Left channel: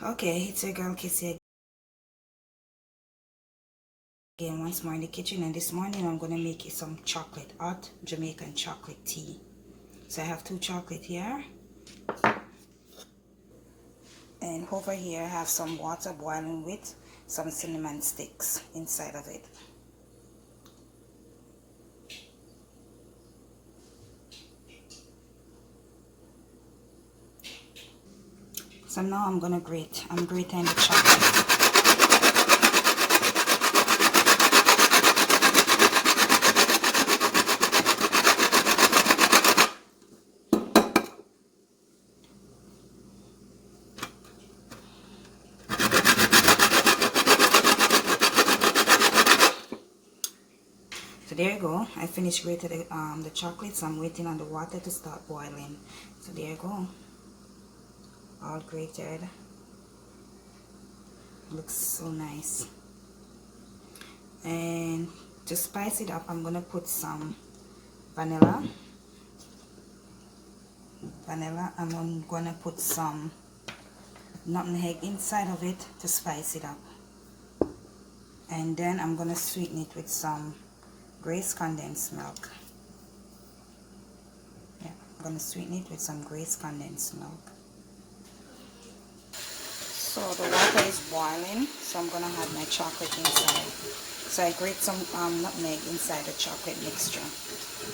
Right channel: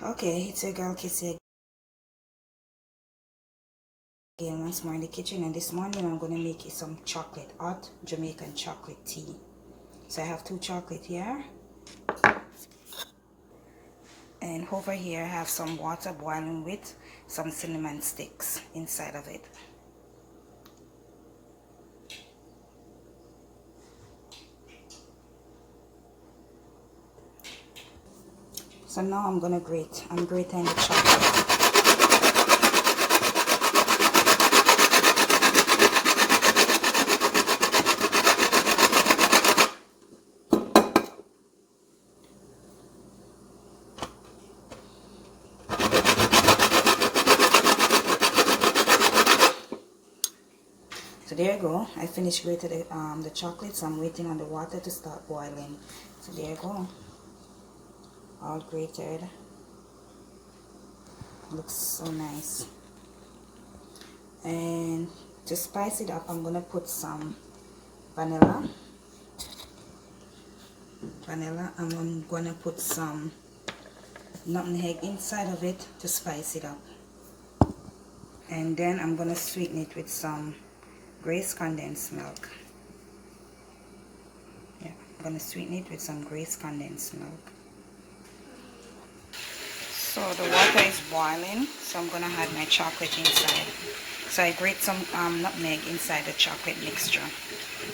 Okay, it's your girl Kissy again once more in the kitchen, and this morning I'm gonna make you some chocolate, hot Jamaican chocolate tea. So I have 2 chocolate here, and over here I have some water boiling with some cinnamon sticks inside of it. So now I'm grating the chocolate. So there you go. I finished grating the chocolate, so I'm waiting on the water to start boiling. So there you go. All grated. Looks so nice. And to spice it up, I'm gonna put some vanilla, and I'm gonna put some nutmeg inside of it to spice it up. And then I'm gonna sweeten it with some Grace condensed milk. Yeah, I'm gonna sweeten it with some Grace condensed milk. So the water is boiling, so I'm gonna add my chocolate inside. So I grate some nutmeg inside the chocolate mixture.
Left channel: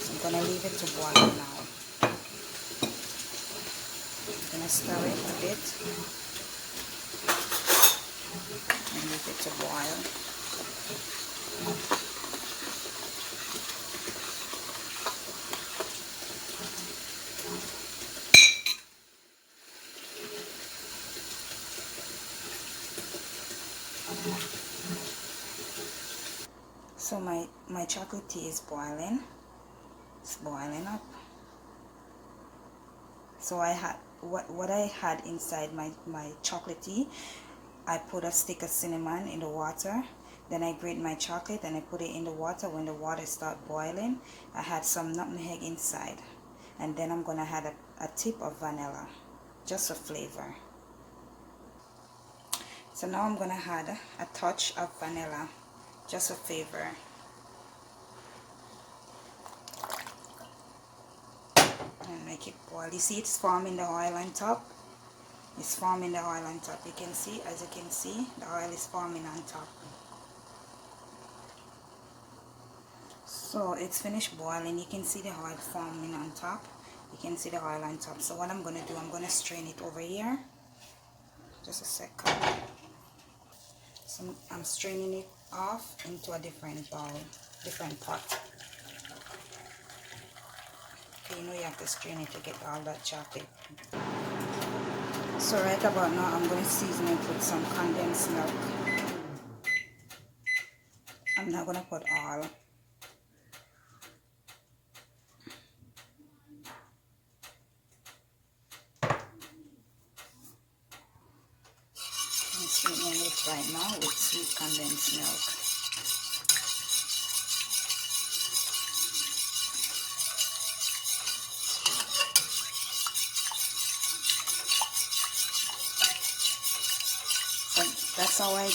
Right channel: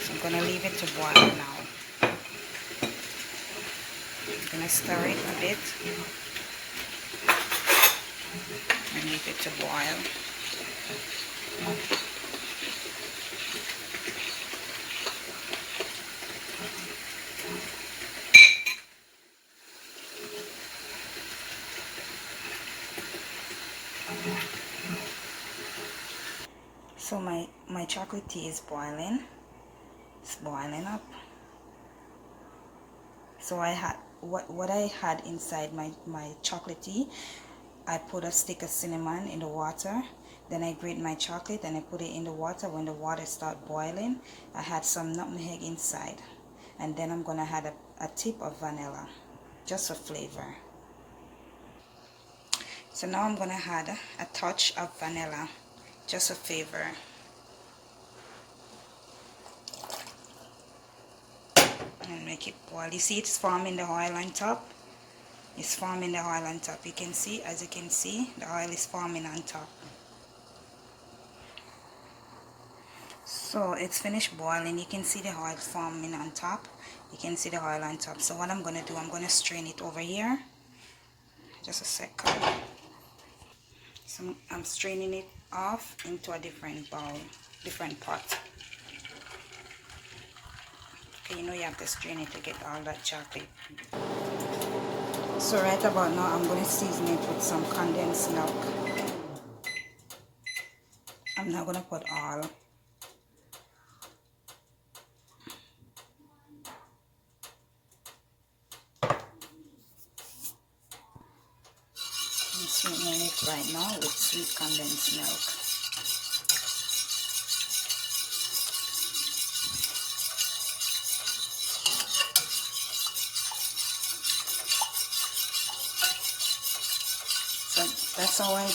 So I'm gonna leave it to boil now. I'm gonna stir it a bit and leave it to boil. So my chocolate tea is boiling. It's boiling up. So I had what I had inside my chocolate tea. I put a stick of cinnamon in the water. Then I grate my chocolate and I put it in the water. When the water starts boiling, I had some nutmeg inside. And then I'm gonna add a tip of vanilla, just for flavor. So now I'm gonna add a touch of vanilla, just a flavor. And make it boil. You see it's forming the oil on top. It's forming the oil on top. You can see, as you can see, the oil is forming on top. So it's finished boiling. You can see the oil forming on top. You can see the oil on top. So what I'm gonna do, I'm gonna strain it over here. Just a second. So I'm straining it off into a different bowl, different pot. Okay, you know you have to strain it to get all that chocolate. So right about now, I'm gonna season it with some condensed milk. I'm not gonna put all. I'm sweetening it right now with sweet condensed milk. So that's how I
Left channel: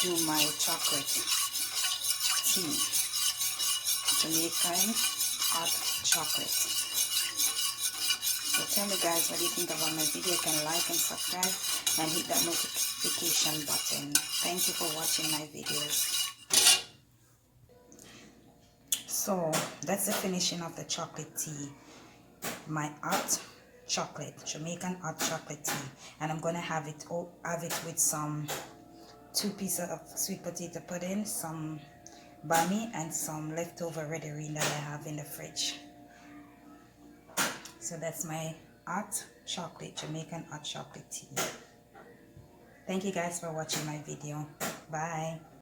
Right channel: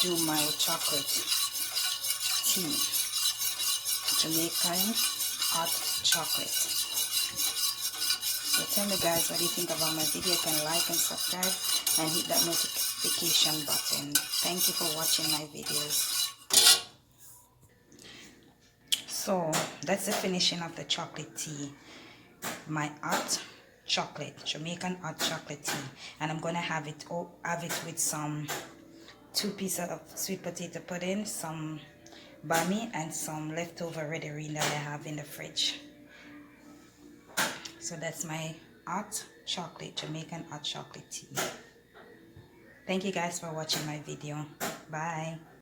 do my chocolate tea. Jamaican hot chocolate. So tell me guys, what do you think about my video? You can like and subscribe and hit that notification button. Thank you for watching my videos. So that's the finishing of the chocolate tea. My hot chocolate, Jamaican hot chocolate tea, and I'm gonna have it with some 2 pieces of sweet potato pudding, some bami, and some leftover red herring that I have in the fridge. So that's my hot chocolate, Jamaican hot chocolate tea. Thank you guys for watching my video. Bye.